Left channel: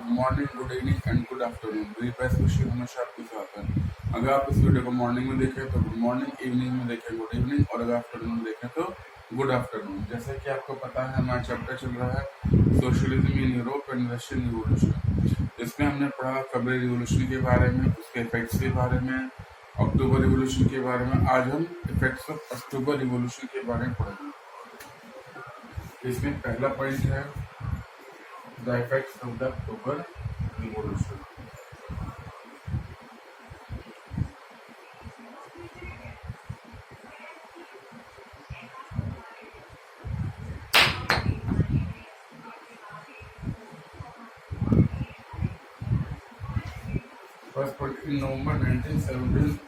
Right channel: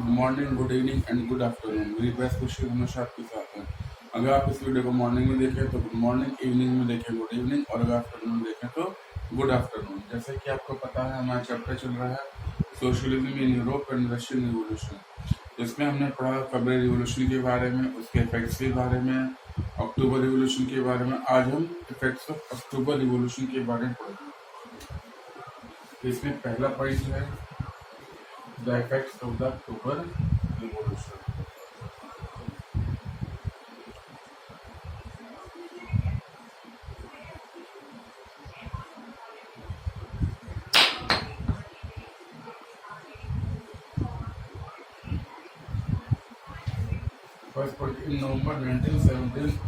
Good morning, good evening and good afternoon. मेरी best wishes हमेशा आपके साथ हैं। अगर आप इस वीडियो को मॉर्निंग में देखें तो गुड मॉर्निंग, इवनिंग में देखें गुड इवनिंग, और अगर आफ्टरनून में देखें तो गुड आफ्टरनून। जैसे कि आपको पता है, हमारा चैप्टर चल रहा है socialism in Europe and Russian revolution. इसमें हमने पढ़ा फरवरी रिवोल्यूशन के बारे में, उसके इफेक्ट्स के बारे में, अक्टूबर रिवोल्यूशन के बारे में। आज हम इफेक्ट्स ऑफ अक्टूबर रिवोल्यूशन के बारे में पढ़ेंगे। इसमें पहला पॉइंट है the effects of the October Revolution. First point, in November 1917,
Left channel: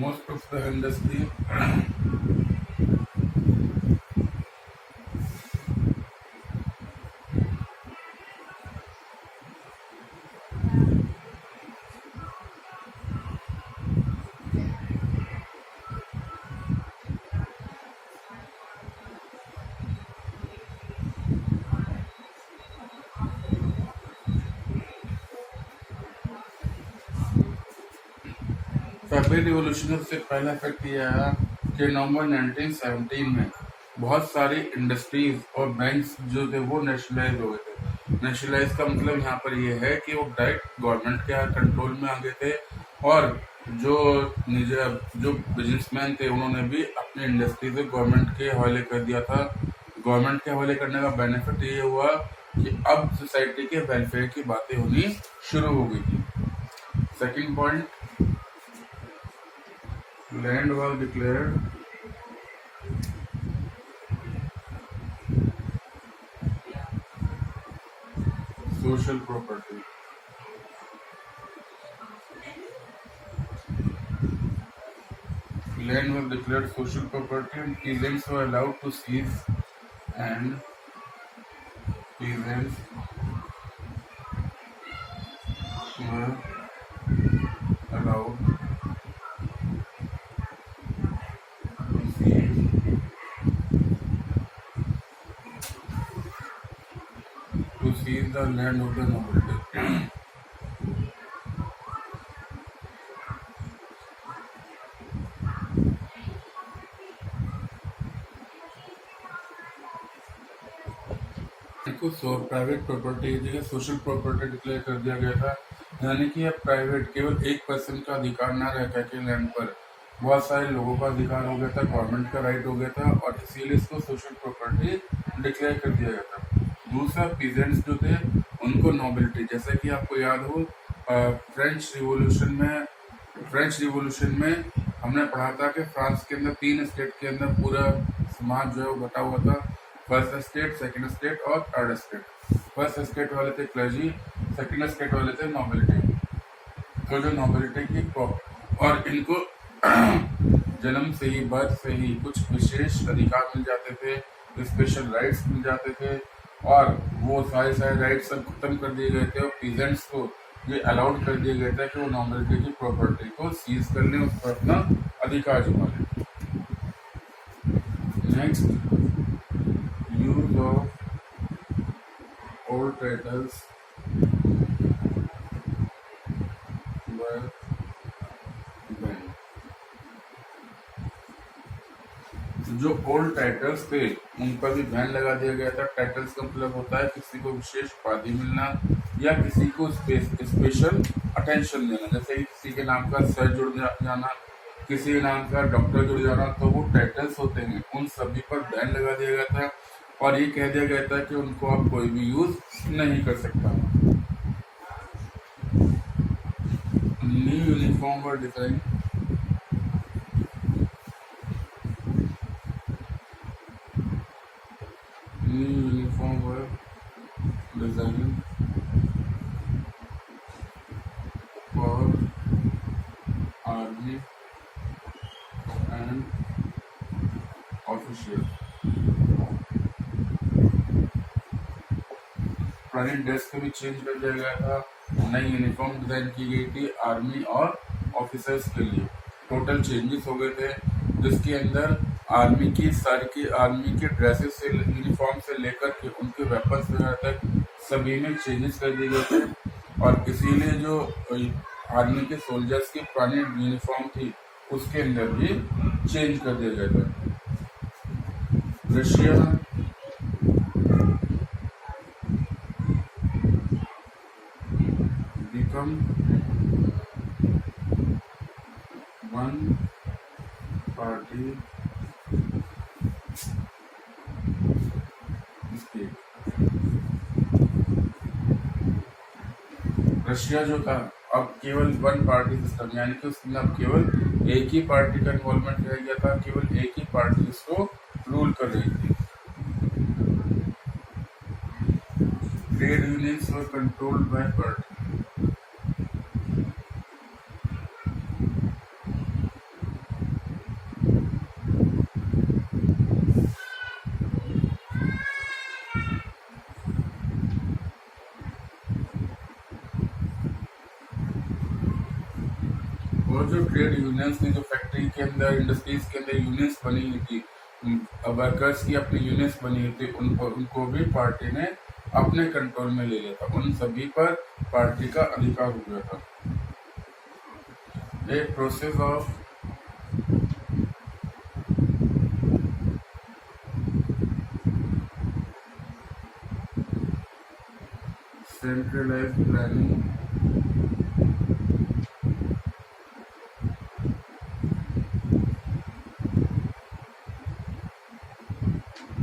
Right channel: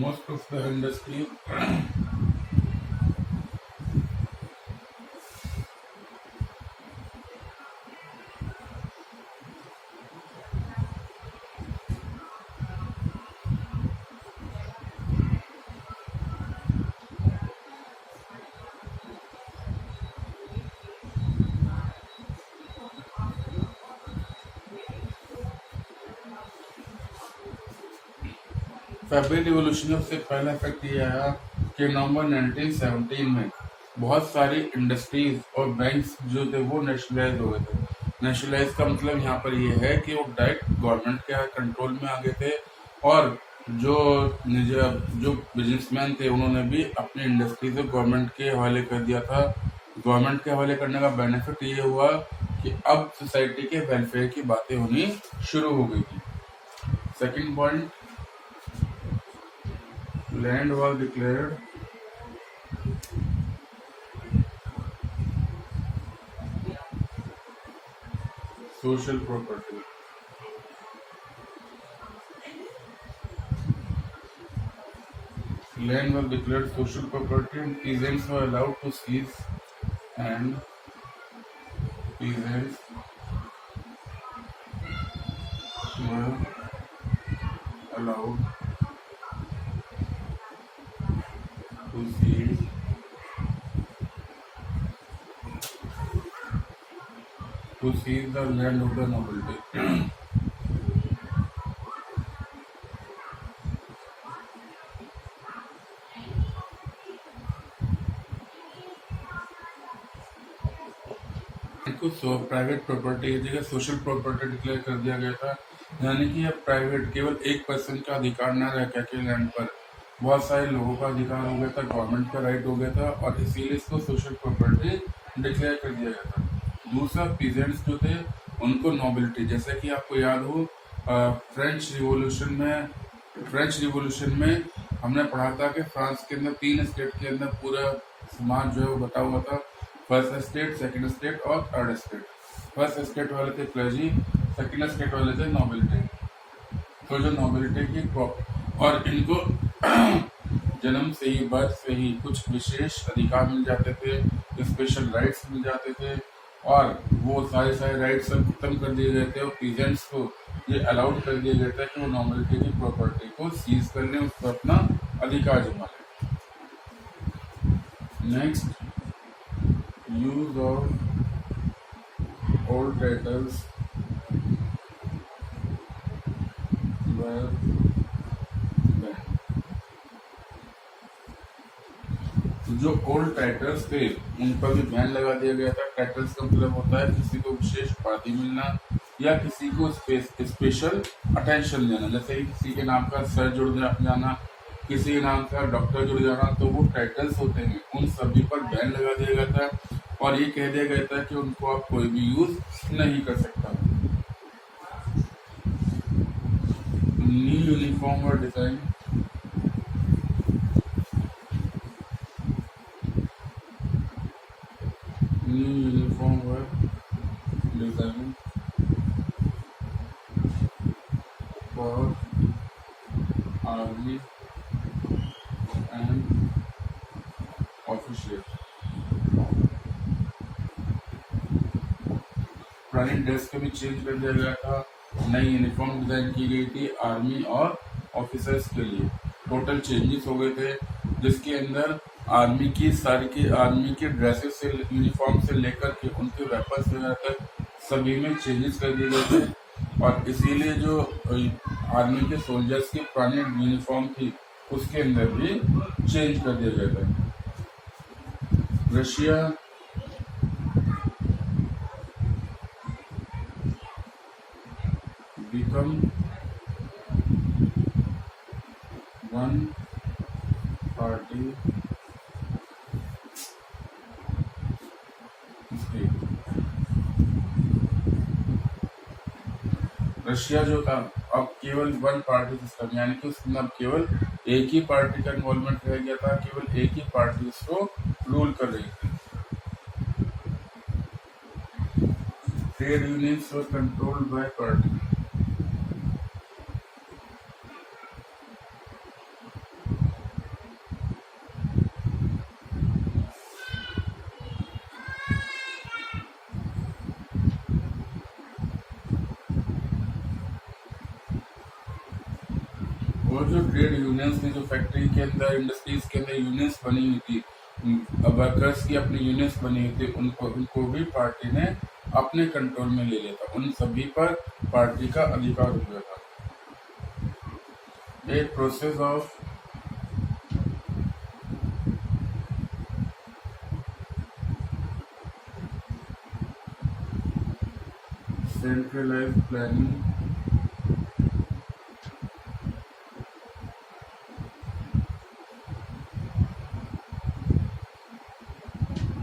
most of the industry February revolution से पहला इफेक्ट ये आया कि नवंबर 1917 में बहुत सारी इंडस्ट्रीज और बैंक्स जो थे वो नेशनलाइज हो गए थे। नेशनलाइज का मतलब यहाँ पर ये है कि वो डायरेक्ट गवर्नमेंट के कंट्रोल में आ गए थे, और जो बिजनेसमैन थे उन्होंने भी अपनी इंडस्ट्री को गवर्नमेंट के हवाले कर दिया था। गवर्नमेंट के हवाले करने का बेनिफिट ये हुआ कि अब सोसाइटी के वेलफेयर की बातें होनी शुरू हो गई थी। Second point, land was declared social property. Land was declared social property and peasants were allowed to seize and peasants were allowed to seize the land of the nobility. को private property की जगह social property declare कर दिया गया था, यानी कि अब प्राइवेट केवल एक पर्सन का अधिकार न रह के लैंड पर बहुत सारे लोगों का अधिकार हो गया था, गवर्नमेंट का राइट हो गया था, और इसीलिए इसको सोशल प्रॉपर्टी डिक्लेयर कर दिया गया था। दूसरा, पीजेंट्स जो थे उनको नोबिलिटी, जैसे कि आपको याद हो फ्रेंच रिवोल्यूशन में हमने पढ़ा था कि फ्रांस के अंदर 3 स्टेट के अंदर पूरा समाज जो है वो बटा हुआ था, फर्स्ट स्टेट, सेकंड स्टेट और थर्ड स्टेट। फर्स्ट स्टेट वाले थे क्लर्जी, सेकंड स्टेट वाले थे नोबिलिटी। तो जो नोबिलिटी की और इनको जन्म से ही, बर्थ से ही कुछ विशेष अधिकार मिल जाते थे, स्पेशल राइट्स मिल जाते थे, और वो सारे राइट्स सब खत्म कर दिए गए थे, और पीजेंट्स को ये अलाउड कर दिया गया था कि वो नोबिलिटी की प्रॉपर्टी को सीज कर लें, उस पर अपना अधिकार जमा लें। Next, use of old titles were banned. जो ओल्ड टाइटल्स थे उन पर भी बैन लगा दिया गया था। टाइटल्स का मतलब होता है किसी को विशेष उपाधि मिलना या किसी को स्पेशल अटेंशन देना, जैसे किसी के नाम का सर जुड़ जाना, किसी के नाम का डॉक्टर जुड़ जाना, तो वो टाइटल्स होते हैं, उन सभी पर बैन लगा दिया गया था, और ये कह दिया गया था कि उनको अब कोई भी यूज नहीं कर सकता। New uniform were design for army and official. पुरानी ड्रेस को भी चेंज कर दिया गया था, नई यूनिफॉर्म डिजाइन की गई थी आर्मी और ऑफिसर्स के लिए। टोटल चेंजेस हो गए थे, जिसके अंदर आर्मी की ड्रेसेस से, यूनिफॉर्म से लेकर के उनके वेपन्स वगैरह तक सभी में चेंजेस कर दिए गए थे। और इसीलिए जो आर्मी के सोल्जर्स की पुरानी यूनिफॉर्म थी उसके अंदर भी चेंज कर दिया गया था। Russia become one party state। Russia जो था अब केवल वन पार्टी सिस्टम, यानी कि उसमें अब केवल एक ही पार्टी का इन्वॉल्वमेंट रह गया था, केवल एक ही पार्टी उसको रूल कर रही थी। Trade unions were controlled by party. और जो ट्रेड यूनियंस ने, जो फैक्ट्री के अंदर, इंडस्ट्रीज के अंदर यूनियंस बनी हुई थी, वर्कर्स की अपनी यूनियंस बनी हुई थी, उनको भी पार्टी ने अपने कंट्रोल में ले लिया था। उन सभी पर पार्टी का अधिकार हो गया था। एक process of centralized planning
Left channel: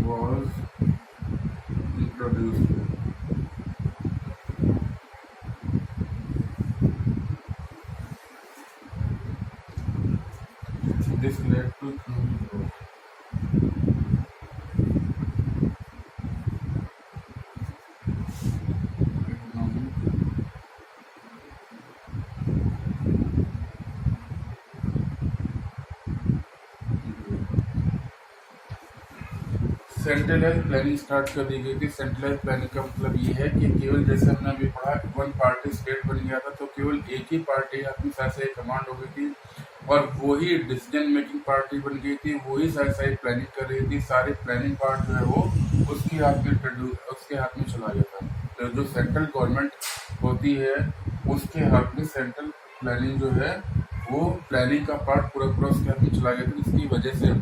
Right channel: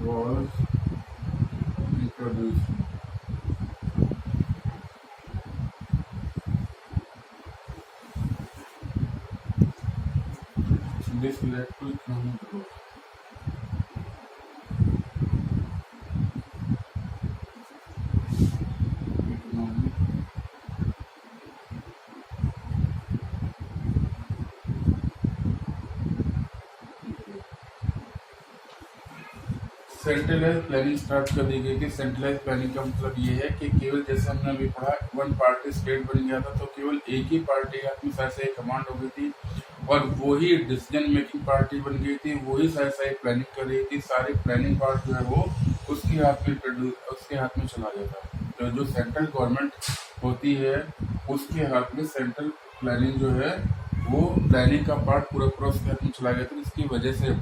was introduced। This led to economic growth। Centralize planning start कर दी गई थी। सेंट्रलाइज प्लानिंग का मतलब ये है कि केवल, जैसे हमने अभी पढ़ा, वन पार्टी स्टेट बन गया था, तो केवल एक ही पार्टी अपनी साइड से कमांड हो गई थी और वही डिसीजन मेकिंग पार्टी बन गई थी, वही साइड प्लानिंग कर रही थी। सारी प्लानिंग पार्ट जो है वो उसके हाथ में चला गया था। तो जो सेंट्रल गवर्नमेंट होती है उसके हाथ में सेंट्रल प्लानिंग जो है वो प्लानिंग का पार्ट पूरा उसके हाथ में चला गया था, जिसकी वजह से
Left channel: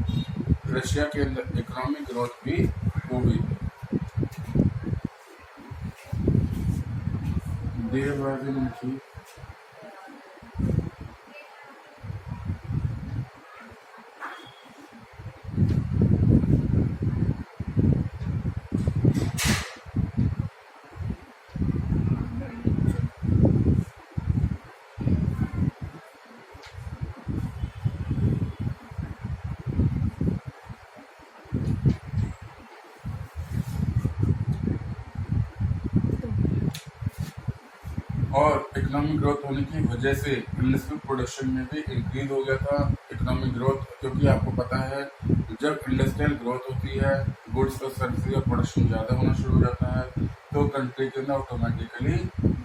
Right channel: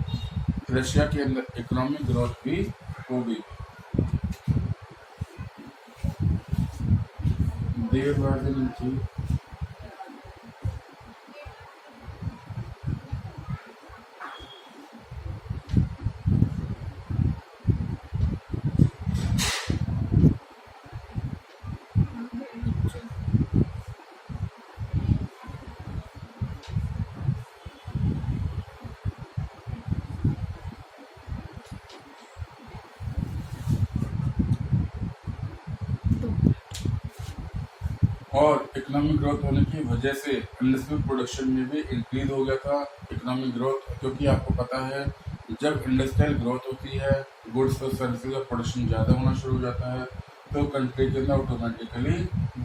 रशिया के अंदर इकोनॉमिक ग्रोथ भी हो गई। देर वाज एन इंक्रीज और इकोनॉमिक ग्रोथ होने की वजह से इंडस्ट्रियल प्रोडक्शन में भी इंक्रीज हो गया था। इकोनॉमिक ग्रोथ, क्योंकि आपको पता है जब इंडस्ट्रियल ग्रोथ होती है, गुड्स और सर्विसेज का प्रोडक्शन ज़्यादा होना शुरू हो जाता है, तो कंट्री के अंदर ऑटोमेटिकली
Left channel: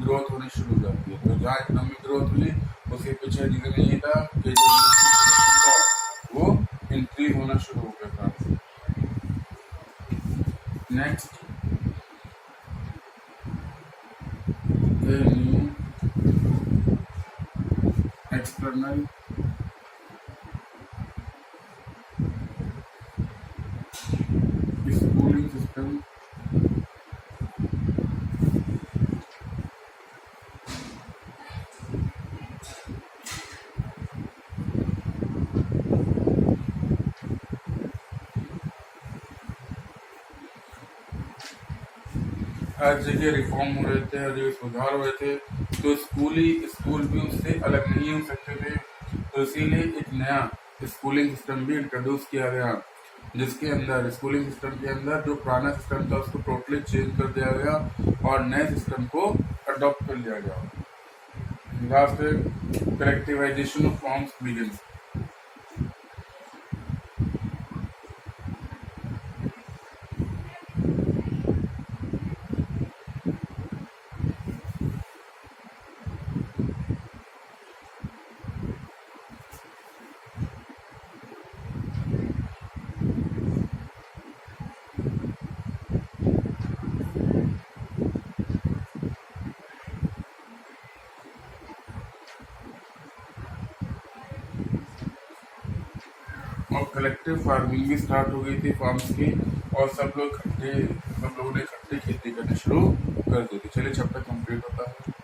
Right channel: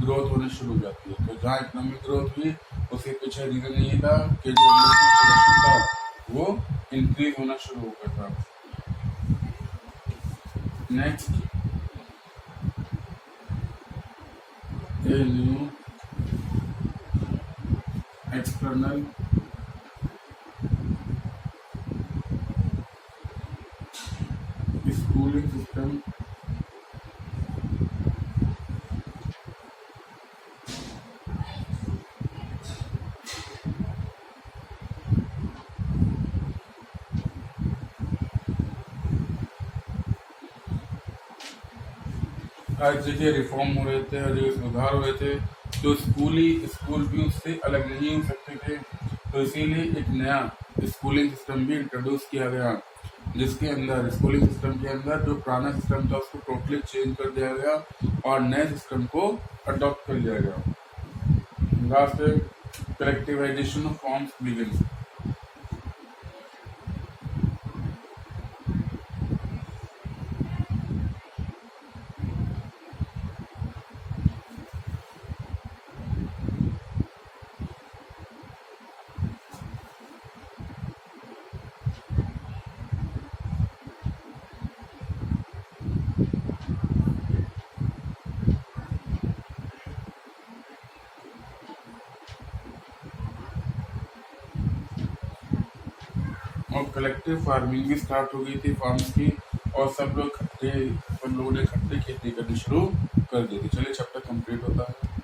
ग्रोथ होनी शुरू हो जाती है। तो जहाँ इकोनॉमिक ग्रोथ हुई उसके पीछे रीजन यही था कि जो इंडस्ट्रियल प्रोडक्शन था वो इंक्रीज होना शुरू हो गया था। Next, a new external schooling system हर जगह रिफॉर्म हो रहे थे, हर जगह सुधार हो रहे थे, तो स्कूल भी उससे अलग नहीं हो सकते थे। तो इसीलिए एक नया स्कूलिंग सिस्टम भी इंट्रोड्यूस किया गया, जिसके अंदर स्कूलिंग सिस्टम के अंदर जो पुराना सिस्टम था उसको टोटली चेंज कर दिया गया और नए सिस्टम को अडॉप्ट कर लिया गया। Last, collectivisation of forms begin. Collective farming भी स्टार्ट हो गई थी फार्म्स की, और सब लोगों ने इकट्ठे खेती करनी शुरू कर दी थी। चलिए चैप्टर कंप्लीट होता है।